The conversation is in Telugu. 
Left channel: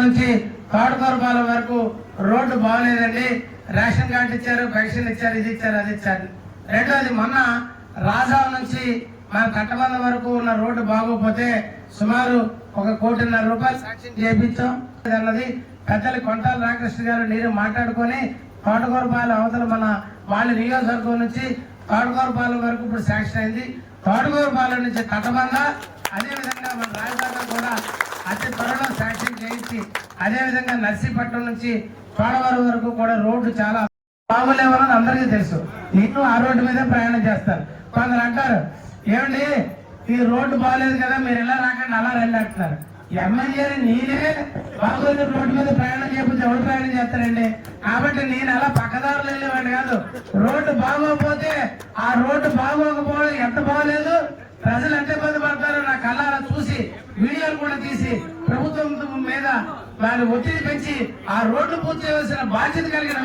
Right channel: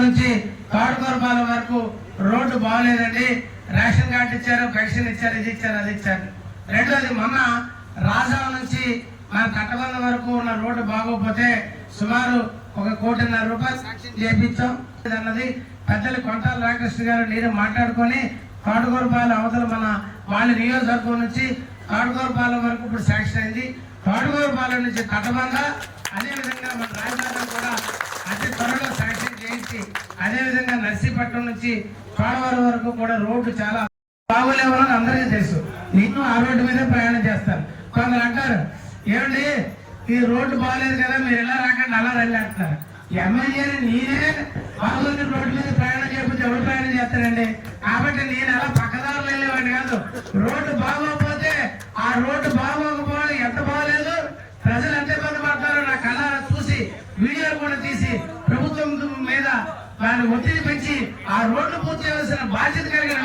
తాడుకోరపాలెం నుంచి తాడుకోరపాలెం వరకు రోడ్డు బాగలేదండి. రేషన్ కార్డు ఇచ్చారు, పెన్షన్ ఇచ్చారు, ఇది ఇచ్చారు, అది ఇచ్చారు. రెండోది మొన్న రాజాం నుంచి మన తట్టబంధం వరకు ఉన్న రోడ్డు బాగోపోతే సుమారు 1.5 కోటి శాంక్షన్ చేయించాం అన్నది పెద్దలు కొంటాల రామకృష్ణ గారు నేను మాట్లాడుకొని తాడుకోరపాలెం అవతల మన వాళ్ళ నియోజకవర్గం నుంచి తాడుకోరపాలెం వరకు ఇప్పుడు శాంక్షన్ అయింది. తాడుకోరపాలెం నుంచి తట్టబంధ అదేవిధంగా మన రాజధాని కూడా అతి త్వరలో శాంక్షన్ చేయించి అదేవిధంగా నర్సీపట్నం నుంచి చోడవరం వరకు కూడా రోడ్డు చాలా బాగోలేవని అందరికీ తెలుసు. నేను ఆ రోడ్డు మీద ప్రయాణం చేస్తాను. కొందరు అంటారు ఏమండి ఈ రోడ్డు బాగలేదు కదా మీరు ఎలా రాకండి అలా రండి అంటున్నారు. ఎమ్మెల్యేని నేనే బాగోని రోడ్డు మీద ప్రయాణం చేయకపోతే ఎవరు ప్రయాణం చేస్తారండి? కాబట్టి నేను అలా పక్కదారులు వెళ్ళేవాడిని కాదు. రోడ్డు బాగోకపోతే ఆ రోడ్డు బాగోకపోవడం ఎంత బాగలేదు, ప్రజలు ఎంత ఇబ్బంది పడతారో నా కళ్ళ చూసి వీడియోలు కూడా తీసి ప్రభుత్వం మీద వారి ఒత్తిడి పెంచి ఆ రోడ్లు పూర్తి చేయాల్సిన బాధ్యత కలిగిన